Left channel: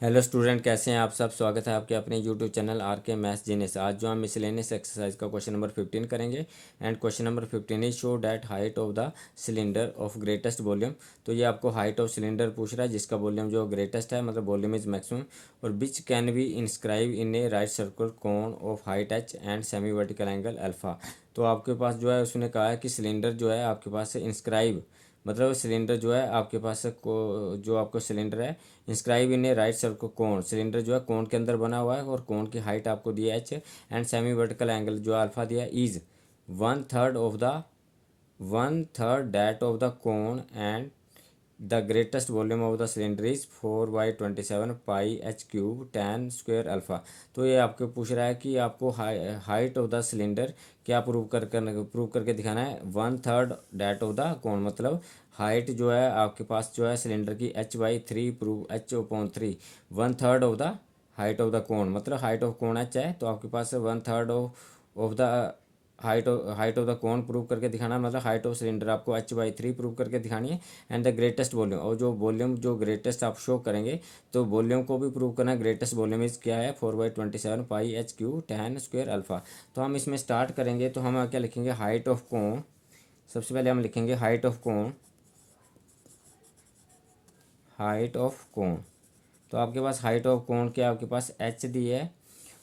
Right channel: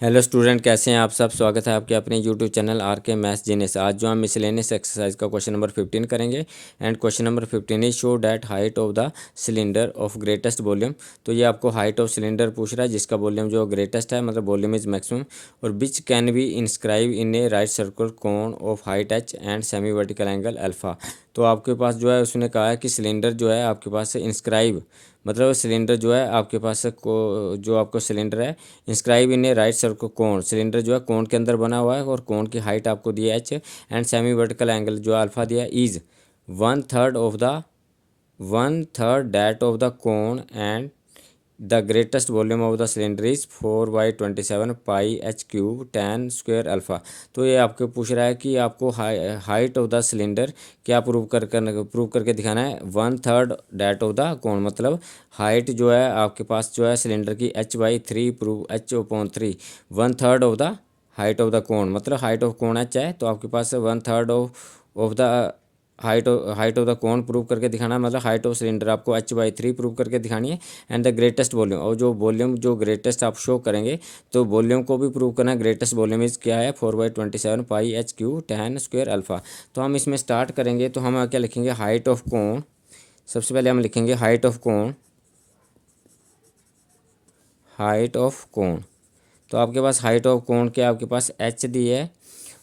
Hello student, कैसे हैं आप सब। स्वागत है आपके अपने यूट्यूब चैनल आर के मैथ्स जीनियस। आज जो हम मिसलेनियस एक्सरसाइज का क्वेश्चन नंबर 15 करेंगे। And question number 15 is show that height of the cylinder of greatest volume. तो ये आपको हाइट ऑफ सिलेंडर पूछ रहा है जिसका वॉल्यूम जो ग्रेटेस्ट है, मतलब वॉल्यूम इज मैक्सिमम, और which can be inscribe in A right circle cone of height H and semi vertical angle alpha. तो आपके पास जो है उसने कहा है कि सिलेंडर जो है आपके पास इंस्क्राइब, मतलब सिलेंडर जो है आपके पास को जो आपको सिलेंडर है inscribe in A right circle कोण, सिलेंडर जो है कोण के अंदर बना हुआ है और कोण की हाइट आपको दी है H, and semi vertical angle जो अल्फा दिया है is one third that of the कोण and the greatest volume of the cylinder is 4/27 pi H cube tan square alpha. तो ये आपको पूछ रहा है कि आपको हाइट ऑफ द सिलेंडर क्या प्रूव करके दिखाना है। One third that of the कोण, मतलब हाइट जो है आपके पास जो है सिलेंडर की h/3 prove h/3, one third of the height of the कोण, मतलब हाइट ऑफ कोण h है तो आपके पास one third of the height of the कोण प्रूव करके दिखाना है, मतलब हाइट ऑफ सिलेंडर आपको h/3 प्रूव करके दिखानी है। एंड द ग्रेटेस्ट वॉल्यूम, और जो वॉल्यूम जो ग्रेटेस्ट आप शो करेंगे तो वॉल्यूम को भी प्रूव करना है। ग्रेटेस्ट वॉल्यूम इज क्या है 4/27 pi H cube tan square alpha. तो हम इसमें स्टार्ट करेंगे तो हम क्या लिखेंगे, हाइट ऑफ कोण। सबसे पहले हम लिखेंगे हाइट ऑफ कोण, हाइट ऑफ कोण। तो आपके पास हाइट ऑफ कोण क्या, आपके पास h दी है।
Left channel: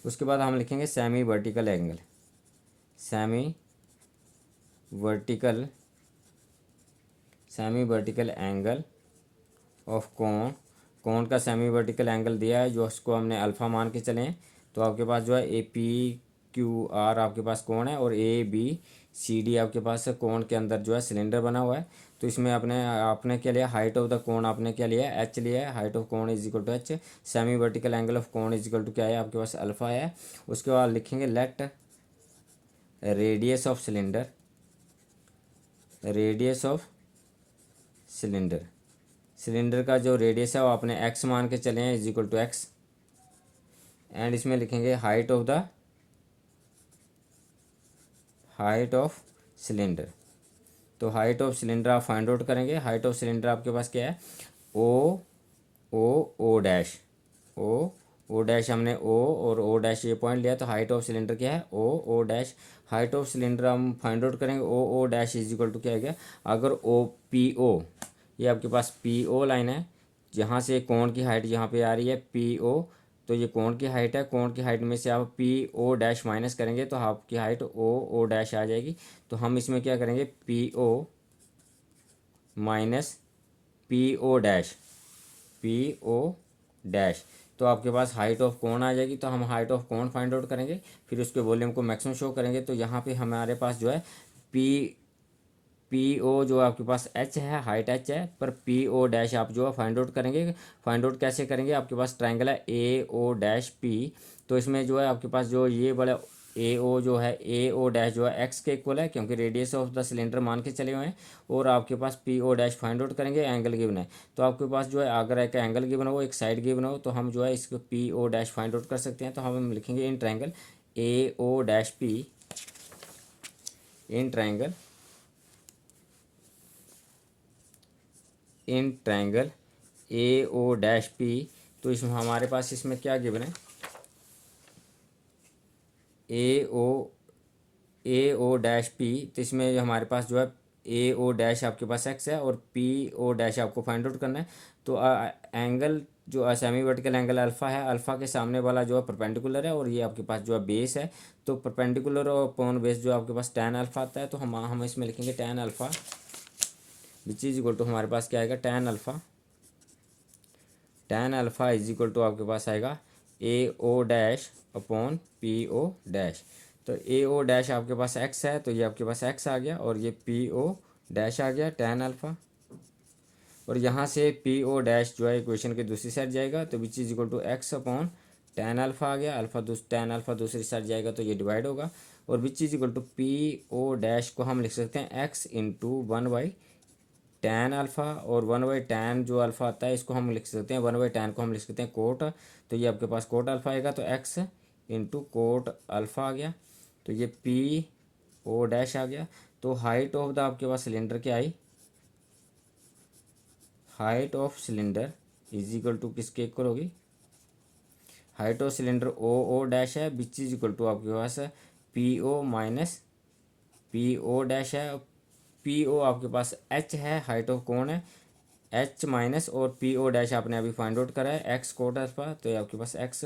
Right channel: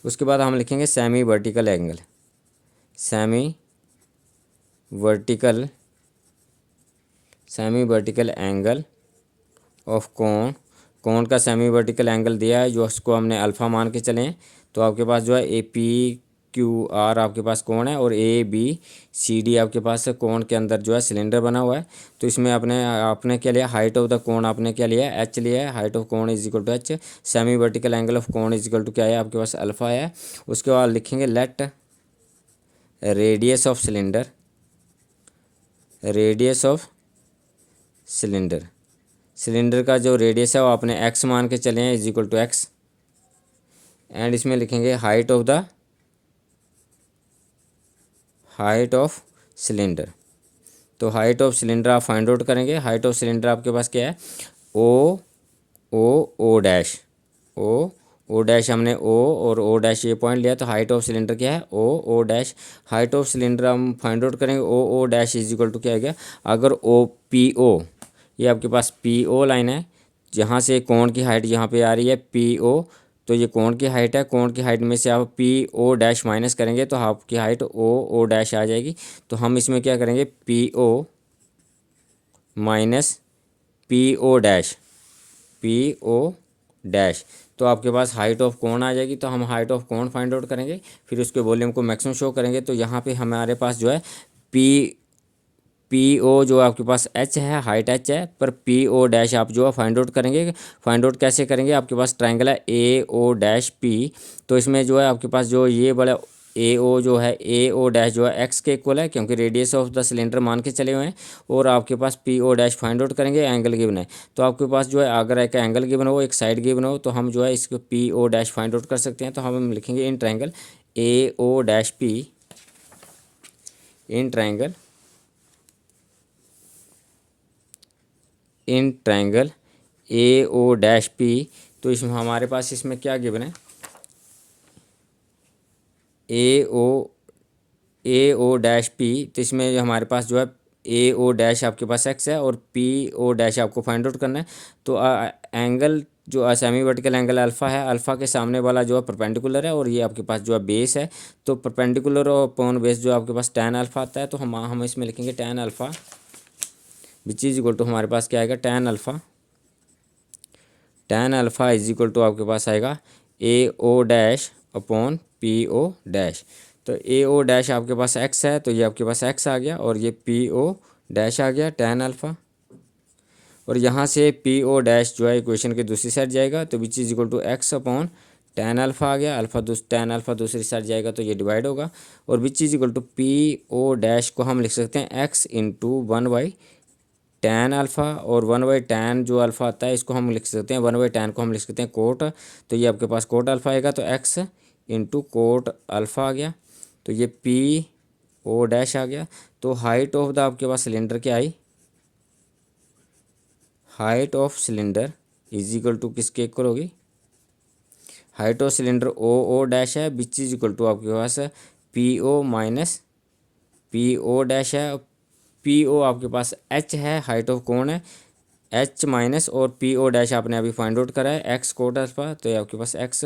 उसके बाद हम लिखेंगे semi vertical angle, semi vertical semi vertical angle of कोण। कोण का सेमी वर्टिकल एंगल दिया है जो उसको हमने अल्फ़ा मान के चलें। तो आपके पास जो है ए पी क्यू आर आपके पास कोण है, और ए बी सी डी आपके पास कोण के अंदर जो है सिलेंडर बना हुआ है। तो इसमें आपने आपने क्या लिया, हाइट ऑफ द कोण आपने क्या लिया, एच लिया है। Height of cone is equal to h, semi vertical angle of cone is equal to क्या है आपके पास अल्फ़ा है। उसके बाद लिखेंगे let radius of cylinder, radius of cylinder, cylinder का जो रेडियस है वो आपने एक्स मान के चले हैं is equal to x. And इसमें लिखेंगे हाइट ऑफ सिलेंडर। तो हाइट ऑफ सिलेंडर आप फाइंड आउट करेंगे। हाइट ऑफ सिलेंडर आपके पास क्या है, ओ ओ डैश, ओ डैश, हमने ओ और ओ डैश ये पॉइंट लिया, तो हाइट ऑफ सिलेंडर क्या है O dash. Height of cylinder हम फाइंड आउट करेंगे O dash is equal to क्या है, अगर ओ पी ओ, ये आपके पास पी ओ लाइन है, जहाँ से कोण की हाइट यहाँ पे आ रही है पी ओ, तो ये कोण की हाइट है। कोण की हाइट में से आप पी ओ डैश माइनस करेंगे तो आपकी हाइट ओ डैश आ जाएगी। तो हम इसमें क्या करेंगे, P O minus P O dash, P O dash, तो आपके पास हाइट ऑफ कोण आ जाएगी। तो हम हाइट ऑफ कोण फाइंड आउट करेंगे, फिर उसके वॉल्यूम को मैक्सिमम शो करेंगे। तो यहाँ पे हमारे पास जो है पी पी ओ जो आपके पास एच है, हाइट एच है, पर पी ओ डैश आप जो है फाइंड आउट करेंगे। फाइंड आउट कैसे करेंगे, आपके पास ट्राइंगल है ए ओ डैश पी, तो इसमें जो है आपके पास जो ये बड़ा ए ओ जो है, ए ओ डैश जो है एक्स के इक्वल है क्योंकि रेडियस ऑफ द सिलेंडर मान के चले हुए हैं। और आपके पास P O dash find out करेंगे, एंगल गिवन है। तो आपके पास जो है अगर एक एंगल गिवन हो, एक साइड गिवन हो, तो हम जो है इसको P O dash find out कर सकते हैं। तो हम लिखेंगे in triangle A O dash P, in triangle A O dash P. तो इसमें हमारे पास इसमें क्या गिवन है, ए ओ डैश पी, तो इसमें हमारे पास जो है ए ओ डैश आपके पास एक्स है और पी ओ डैश आपको फाइंड आउट करना है। तो एंगल जो सेमी वर्टिकल एंगल अल्फ़ा है, अल्फ़ा के सामने वाला जो है परपेंडिकुलर है, और ये आपके पास जो है बेस है। तो परपेंडिकुलर और अपॉन बेस जो आपके पास tan अल्फ़ा आता है, तो हम इसमें लिखेंगे tan alpha which is equal to हमारे पास क्या आएगा, tan alpha is equal to आपके पास आएगा A O dash upon P O dash. तो ए ओ डैश आपके पास एक्स है, तो ये आपके पास एक्स आ गया, और ये पी ओ डैश आ गया tan अल्फ़ा। और यहाँ से पी ओ डैश जो है इक्वेशन के दूसरी साइड जाएगा, तो which is equal to X upon tan alpha आ गया। tan अल्फ़ा दूसरी साइड जाएगा तो ये डिवाइड होगा, और which is equal to P O dash को हम लिख सकते हैं एक्स इंटू 1/tan अल्फ़ा, और 1/tan जो अल्फ़ा आता है इसको हम लिख सकते हैं 1/tan को हम लिख सकते हैं कोट। तो ये आपके पास कोट अल्फ़ा आएगा, तो एक्स इंटू कोट अल्फ़ा आ गया, तो ये पी ओ डैश आ गया। तो हाइट ऑफ द आपके पास सिलेंडर क्या आई, height of cylinder is equal to किसके इक्वल होगी, height of cylinder O dash है, विच इज इक्वल टू आपके पास P O minus P O dash है। पी ओ आपके पास एच है, हाइट ऑफ कोण है एच माइनस, और पी ओ डैश आपने अभी फाइंड आउट करा है एक्स कोट अल्फा, तो ये आपके पास एक्स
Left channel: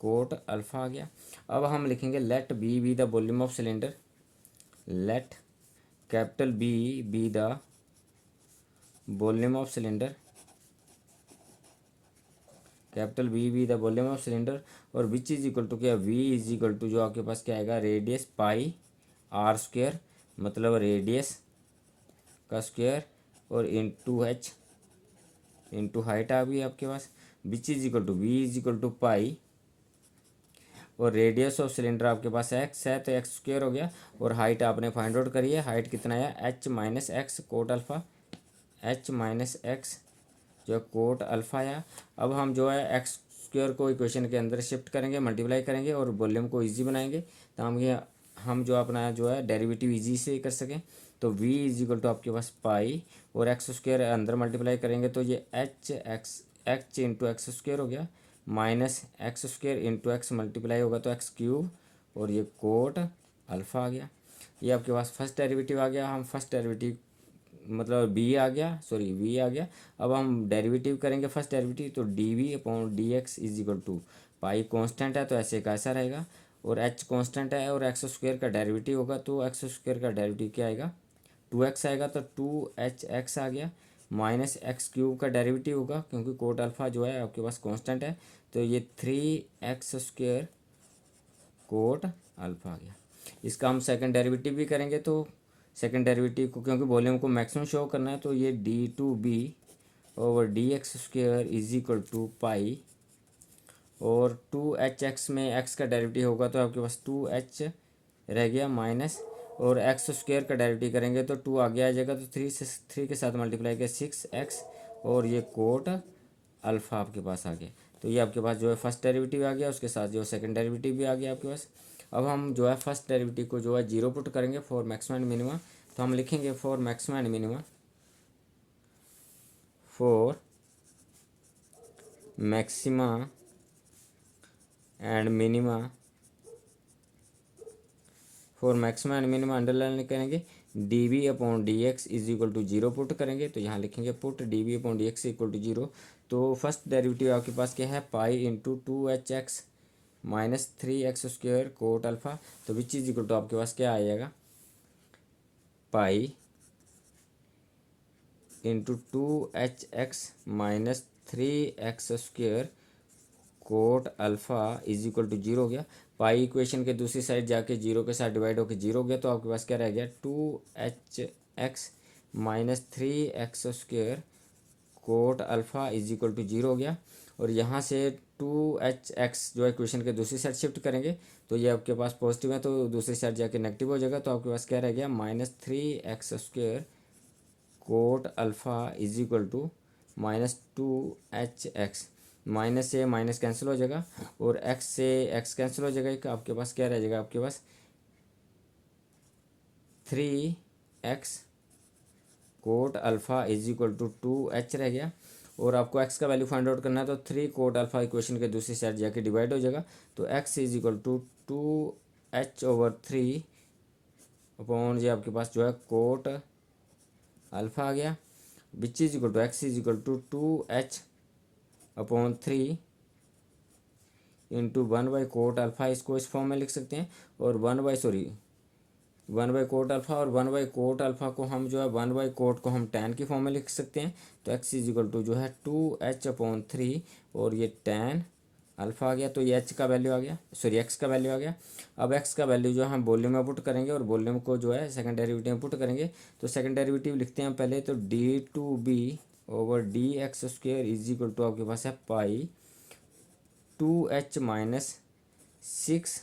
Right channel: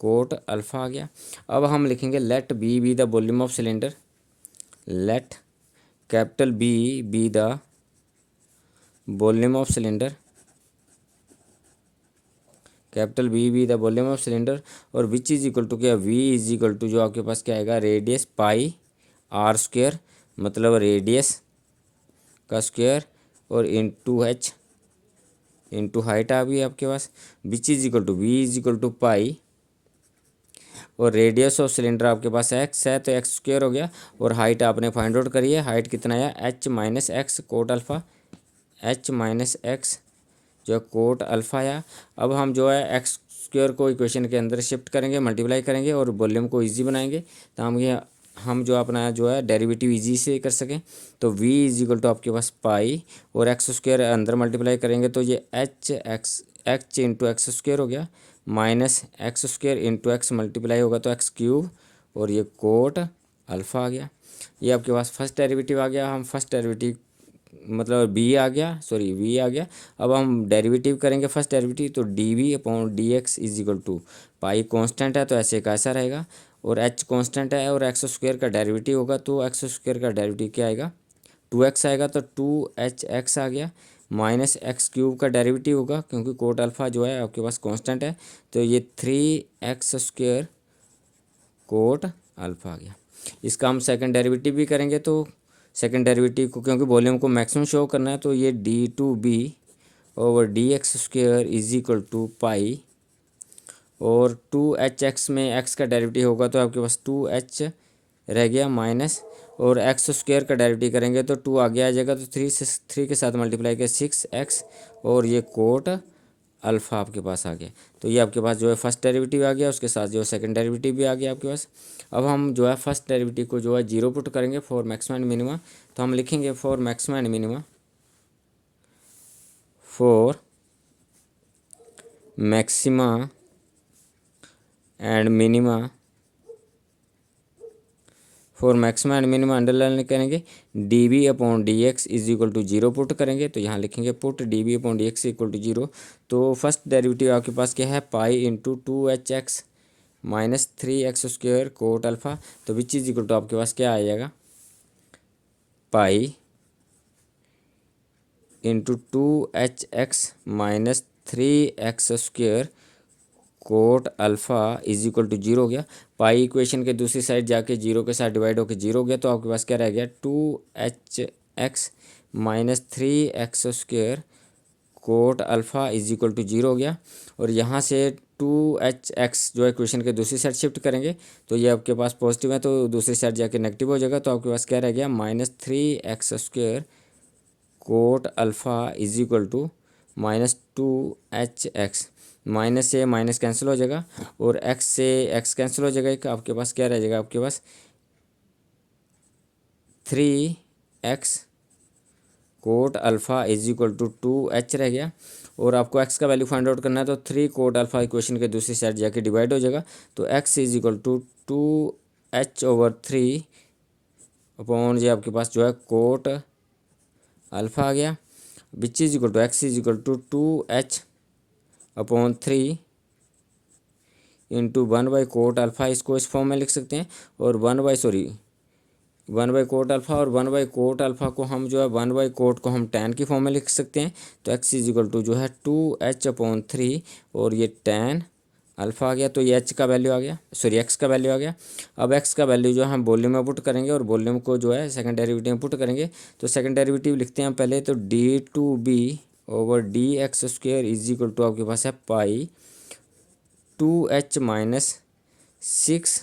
कोट अल्फा आ गया। अब हम लिखेंगे let B the volume of cylinder, let capital B the volume of cylinder, capital B the volume of cylinder, और विच इज इक्वल टू क्या, वी इज इक्वल टू जो आपके पास क्या आएगा रेडियस पाई आर स्क्वेयर, मतलब radius का square, और इंटू एच इंटू हाइट आ गई आपके पास, which is equal to V is equal to pi, और रेडियस ऑफ सिलेंडर आपके पास एक्स है तो एक्स स्क्वेयर हो गया, और हाइट आपने फाइंड आउट करी है, हाइट कितना आया H minus X cot alpha, H minus x जो है कोट अल्फा आया। अब हम जो है एक्स स्क्वेयर को इक्वेशन के अंदर शिफ्ट करेंगे, मल्टीप्लाई करेंगे और वॉल्यूम को इजी बनाएंगे, तो हम जो अपना जो है डेरिवेटिव इजी से कर सकें। तो v इज इक्वल टू आपके पास पाई, और एक्स स्क्वेयर अंदर मल्टीप्लाई करेंगे तो ये एच इंटू एक्स स्क्वेयर हो गया, minus x square into x multiply होगा तो एक्स क्यूब, और ये कोट अल्फा आ गया। ये आपके पास फर्स्ट डेरिवेटिव आ गया। हम फर्स्ट डेरिवेटिव मतलब वी आ गया। अब हम डेरिवेटिव करेंगे फर्स्ट डेरिवेटिव, तो D V upon D X is equal to pi constant है तो ऐसे कैसा रहेगा, और एच कॉन्स्टेंट है, और एक्स स्क्वेयर का डेरिवेटिव होगा तो एक्स स्क्वेयर का डेरिवेटिव क्या आएगा 2x आएगा, तो 2hx आ गया, माइनस एक्स क्यूब का डेरिवेटिव होगा क्योंकि कोट अल्फा जो है आपके पास कांस्टेंट है, तो ये 3x स्क्वेयर कोट अल्फा आ गया। इसका हम सेकंड डेरिवेटिव भी करेंगे, तो सेकंड डेरिवेटिव को क्योंकि वॉल्यूम को मैक्सिमम शो करना है, तो ये d2b over D X square is equal to pi, और 2hx में x का डेरिवेटिव होगा तो आपके पास 2h रह गया माइनस, और एक्स स्क्वेयर का डेरिवेटिव करेंगे तो 2 आगे आ जाएगा, तो 3 के साथ मल्टीप्लाई किया 6x, और ये कोट अल्फ़ा आपके पास आ गया। तो ये आपके पास जो है फर्स्ट डेरिवेटिव आ गया, उसके साथ जो है सेकंड डेरिवेटिव भी आ गया आपके पास। अब हम जो है फर्स्ट डेरिवेटिव को जो है जीरो पुट करेंगे फॉर मैक्सिमम एंड मिनिमा, तो हम लिखेंगे for maximum and minima, for maxima and minima, for maxima and minima underline करेंगे, D V upon D X is equal to zero put करेंगे, तो यहाँ लिखेंगे put D V upon D X equal to zero. तो first derivative आपके पास क्या है pi into 2hx minus 3x square cot alpha, तो विच इज इक्वल टू आपके पास क्या आ जाएगा pi into 2hx minus 3x square cot alpha is equal to zero हो गया। पाई इक्वेशन के दूसरी साइड जाके जीरो के साथ डिवाइड होकर जीरो हो गया, तो आपके पास क्या रह गया 2hx minus 3x square cot alpha is equal to zero हो गया। और यहाँ से 2hx जो है इक्वेशन के दूसरी साइड शिफ्ट करेंगे, तो ये आपके पास पॉजिटिव है तो दूसरी साइड जाके नेगेटिव हो जाएगा, तो आपके पास क्या रह गया minus 3x square cot alpha is equal to minus 2hx, minus से माइनस कैंसिल हो जाएगा, और x से x कैंसिल हो जाएगा, एक आपके पास क्या रह जाएगा आपके पास 3x cot alpha is equal to 2h रह गया। और आपको x का वैल्यू फाइंड आउट करना है, तो 3 कोट अल्फ़ा इक्वेशन के दूसरी साइड जाके डिवाइड हो जाएगा, तो x is equal to 2h over 3 upon ये आपके पास जो है कोट अल्फ़ा आ गया, which is equal to x is equal to 2h upon 3 into 1 by cot alpha, इसको इस फॉर्म में लिख सकते हैं, और 1 बाई कोट अल्फ़ा, और 1 बाई कोट अल्फ़ा को हम जो है 1 बाई कोट को हम tan की फॉर्म में लिख सकते हैं, तो x इज इक्वल टू जो है 2h अपॉन 3, और ये tan अल्फ़ा आ गया, तो ये h का वैल्यू आ गया, x का वैल्यू आ गया। अब x का वैल्यू जो है हम वॉल्यूम में पुट करेंगे, और वॉल्यूम को जो है सेकंड डेरिवेटिव में पुट करेंगे, तो सेकंड डेरिवेटिव लिखते हैं हम पहले, तो d2b over D X square is equal to आपके पास है pi 2h minus 6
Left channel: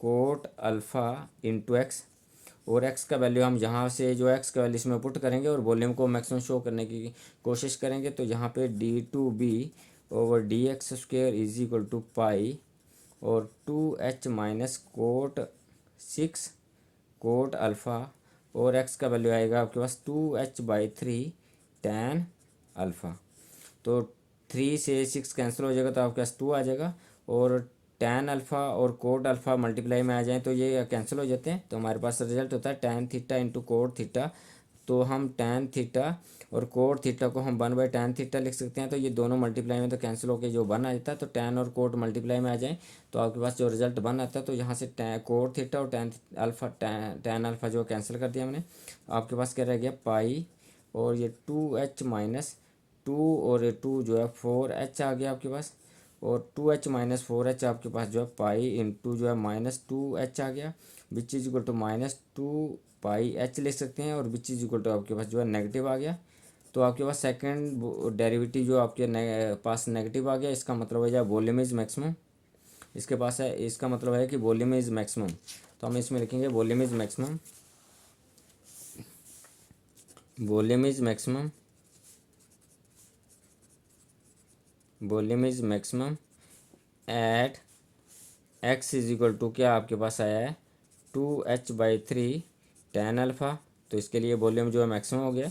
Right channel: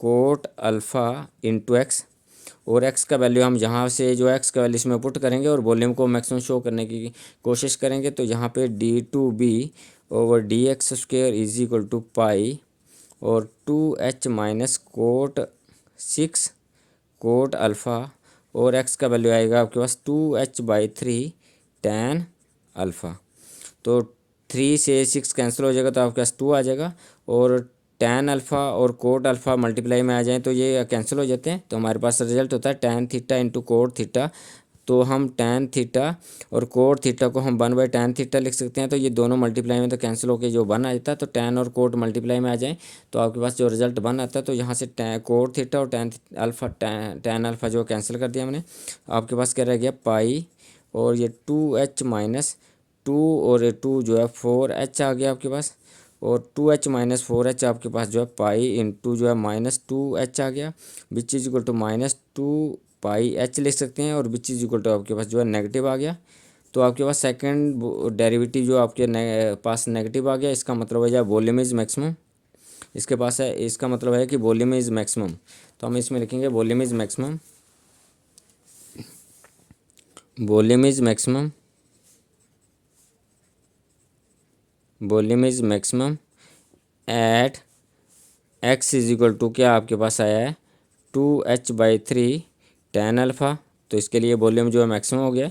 cot alpha into X, और x का वैल्यू हम यहाँ से जो x का वैल्यू इसमें पुट करेंगे और वॉल्यूम को मैक्सिमम शो करने की कोशिश करेंगे, तो यहाँ पे d2b over D X square is equal to pi और 2h minus cot 6 cot alpha, और x का वैल्यू आएगा आपके पास 2h बाई 3 tan अल्फ़ा। तो 3 से 6 कैंसिल हो जाएगा तो आपके पास 2 आ जाएगा, और tan अल्फ़ा और कोट अल्फ़ा मल्टीप्लाई में आ जाए तो ये कैंसिल हो जाते हैं। तो हमारे पास रिजल्ट होता है tan theta into cot theta. तो हम tan थीटा और कोट थीटा को हम 1/tan थीटा लिख सकते हैं। तो ये दोनों मल्टीप्लाई में तो कैंसिल होकर जो 1 आ जाता है, तो tan और कोट मल्टीप्लाई में आ जाए तो आपके पास जो रिजल्ट 1 आता है। तो यहाँ से कोट थीटा और tan अल्फ़ा जो कैंसिल कर दिया हमने। आपके पास क्या रह गया पाई, और ये 2h माइनस 2 और ये 2 जो है 4h आ गया आपके पास, और 2h माइनस 4h आपके पास जो है पाई इंटू जो है -2h आ गया, which is equal to -2 pi H लिख सकते हैं, और विच इज इक्वल टू आपके पास जो है नेगेटिव आ गया। तो आपके पास सेकंड डेरिवेटिव जो आपके पास नेगेटिव आ गया, इसका मतलब है जो वॉल्यूम इज मैक्सिमम। इसके पास है, इसका मतलब है कि वॉल्यूम इज मैक्सिमम। तो हम इसमें लिखेंगे volume is maximum, volume is maximum, volume is maximum at x is equal to क्या आपके पास आया है 2h/3 tan अल्फ़ा। तो इसके लिए वॉल्यूम जो है मैक्सिमम हो गया।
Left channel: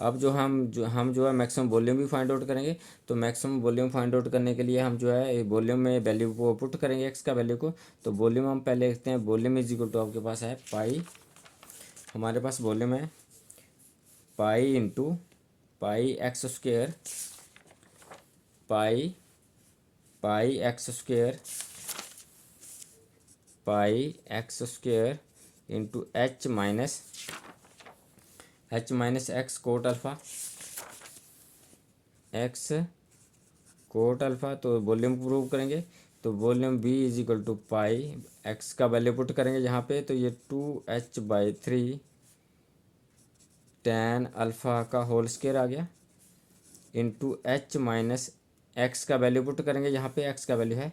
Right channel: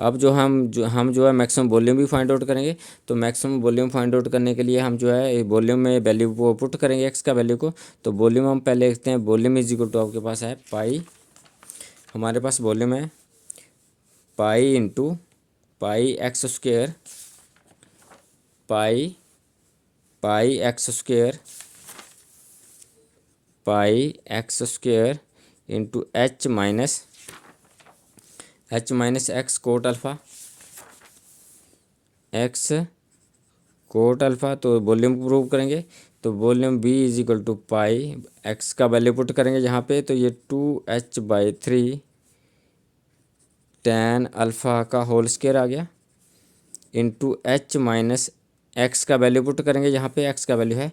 अब जो हम जो है मैक्सिमम वॉल्यूम भी फाइंड आउट करेंगे। तो मैक्सिमम वॉल्यूम फाइंड आउट करने के लिए हम जो है वॉल्यूम में वैल्यू को पुट करेंगे, एक्स का वैल्यू को। तो वॉल्यूम हम पहले लिखते हैं, वॉल्यूम इज इक्वल टू आपके पास है पाई, हमारे पास वॉल्यूम है pi into pi X square, pi X square, pi X square into H minus X cot alpha, X cot alpha. तो वॉल्यूम प्रूव करेंगे, तो volume v is equal to pi, X का वैल्यू पुट करेंगे यहाँ पे, तो ये 2h/3 tan alpha का होल स्क्वायर आ गया, इंटू एच माइनस एक्स का वैल्यू पुट करेंगे यहाँ पे, एक्स का वैल्यू है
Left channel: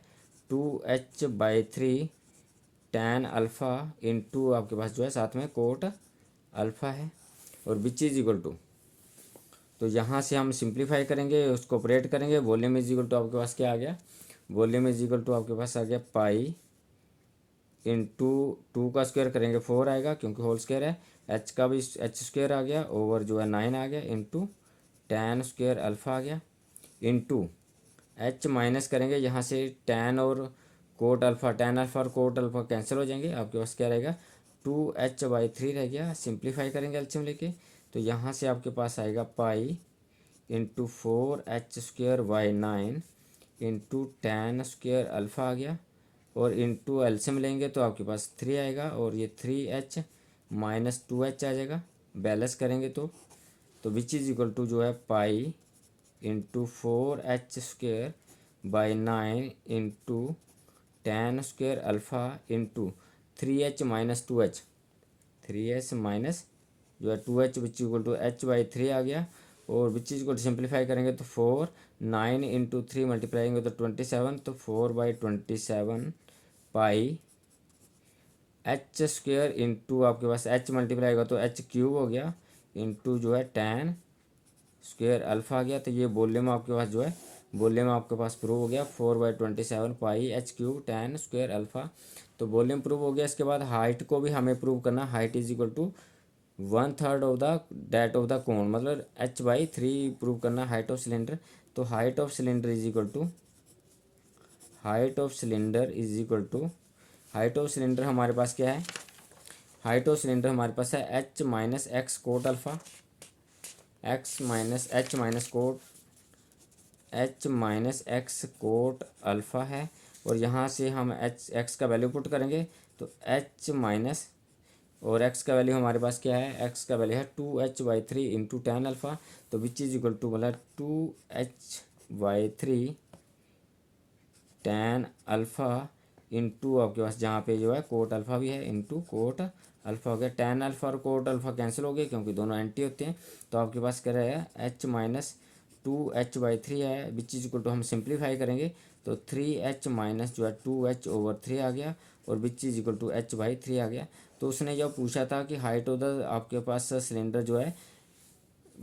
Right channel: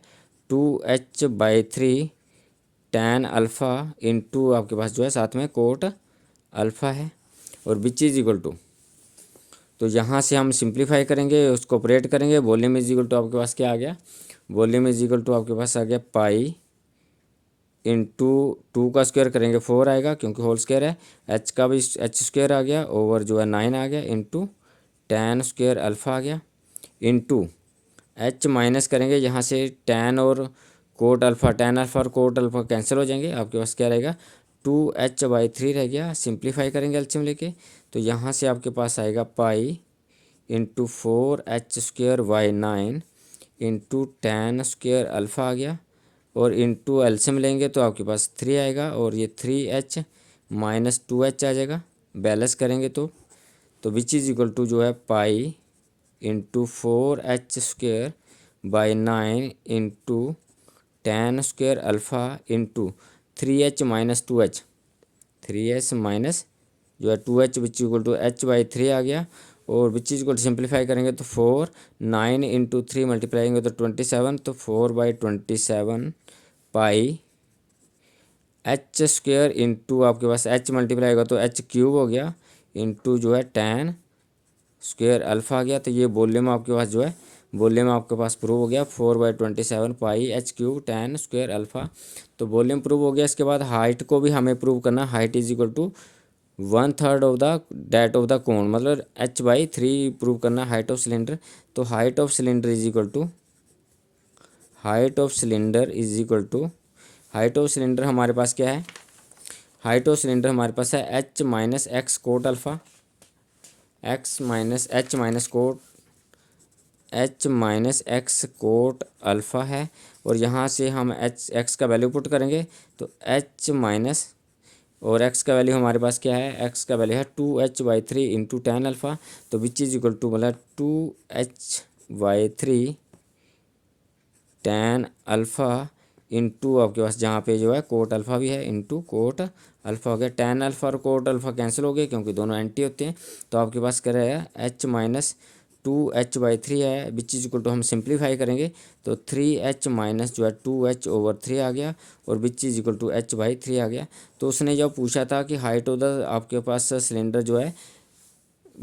2h/3 tan अल्फ़ा इंटू आपके पास जो है साथ में कोट अल्फ़ा है, और विच इज इक्वल टू, तो यहाँ से हम सिंप्लीफाई करेंगे, उसको ऑपरेट करेंगे। वॉल्यूम इज इक्वल टू आपके पास क्या आ गया, वॉल्यूम इज इक्वल टू आपके पास आ गया पाई इंटू 2 का स्क्वायर करेंगे 4 आएगा क्योंकि होल स्क्वायर है, एच का भी एच स्क्वायर आ गया, ओवर जो है 9 आ गया, इंटू tan स्क्वायर अल्फ़ा आ गया, इंटू एच माइनस करेंगे यहाँ से tan और कोट अल्फ़ा, tan अल्फ़ा और कोट अल्फ़ा कैंसिल हो जाएंगे। आपके पास क्या रहेगा 2h/3 रह गया। सिंप्लीफाई करेंगे एलसीएम लेके, तो यहाँ से आपके पास आएगा pi into 4h² into tan square alpha आ गया, और इंटू एलसीएम लेंगे तो आपके पास 3 आएगा, और ये 3h माइनस 2h आ जाएगा। बैलेंस करेंगे तो विच इज़ इक्वल टू जो है pi into 4h² into tan square alpha into 3h minus 2h, 3h minus जो है 2h which equal to h/3 आ गया, और which is equal to simplify करेंगे तो 4, 9 इंटू 3 मल्टीप्लाई तो 27, तो 4/27 पाई एच स्क्वेयर इंटू आपके पास h मल्टीप्लाई होगा तो h³ हो गया, इंटू जो है tan स्क्वेयर अल्फ़ा आ गया। तो ये वॉल्यूम आपके पास जो है वॉल्यूम आपके पास प्रूव हो गया 4/27 पाई h³ tan स्क्वेयर अल्फ़ा। तो वॉल्यूम प्रूव हो गया। इसके बाद हाइट को भी हमें प्रूव करना, height is equal to 1/3 of the that of the cone, मतलब h/3 प्रूव करना हाइट ऑफ सिलेंडर। तो height of cylinder is equal to height of cylinder हमारे पास क्या है, हाइट ऑफ सिलेंडर हमारे पास है h minus X cot alpha, h minus X cot alpha है, और यहाँ से हम एक्स का वैल्यू पुट करेंगे तो h माइनस, और x का वैल्यू हमारे पास क्या है, x का वैल्यू है 2h/3 इंटू tan अल्फ़ा। तो विच इज इक्वल टू मतलब 2h/3 tan अल्फ़ा इंटू आपके पास जहाँ पे जो है कोट अल्फ़ा भी है, इंटू कोट अल्फ़ा हो गया। tan अल्फ़ा और कोट अल्फ़ा कैंसिल हो गए क्योंकि दोनों एंटी होते हैं। तो आपके पास क्या रहेगा h माइनस 2h/3 है, विच इज इक्वल टू हम सिंप्लीफाई करेंगे तो 3h माइनस जो है 2h/3 आ गया, और which is equal to h/3 आ गया। तो उसने जब पूछा था कि हाइट ऑफ द आपके पास सिलेंडर जो है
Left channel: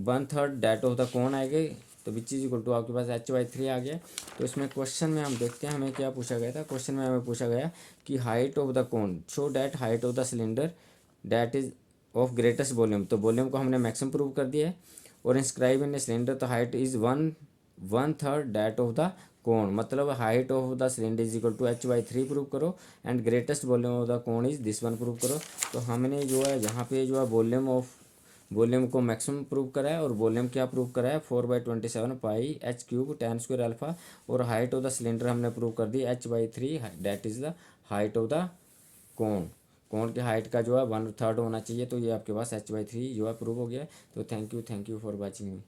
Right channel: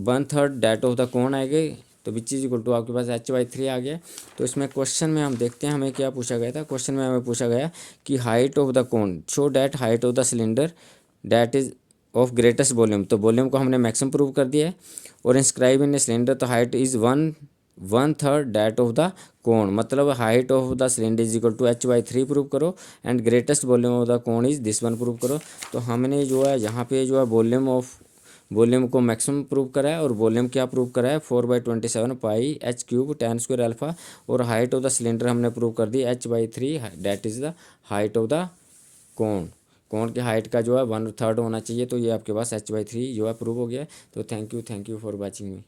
1/3 डैट ऑफ द कोन आएगी, तो विच इज इक्वल टू आपके पास h/3 आ गया। तो इसमें क्वेश्चन में हम देखते हैं हमें क्या पूछा गया था। क्वेश्चन में हमें पूछा गया कि height of the cone show that height of the cylinder that is of greatest volume. तो वॉल्यूम को हमने मैक्सिमम प्रूव कर दिया है, और इंस्क्राइब इन सिलेंडर तो height is 1 1/3 that of the कोण, मतलब height of the cylinder is equal to h/3 prove करो and greatest volume of the cone is this one prove करो। तो हमने जो है यहाँ पे जो है वॉल्यूम को मैक्सिमम प्रूव करा है और वॉल्यूम क्या प्रूव करा है 4/27 पाई h³ tan स्क्वायर अल्फा, और हाइट ऑफ द सिलेंडर हमने प्रूव कर दी h/3 that is the height of the कोण। कोण की हाइट का जो है 1/3 होना चाहिए, तो ये आपके पास h/3 जो है प्रूव हो गया है। तो thank you for watching me.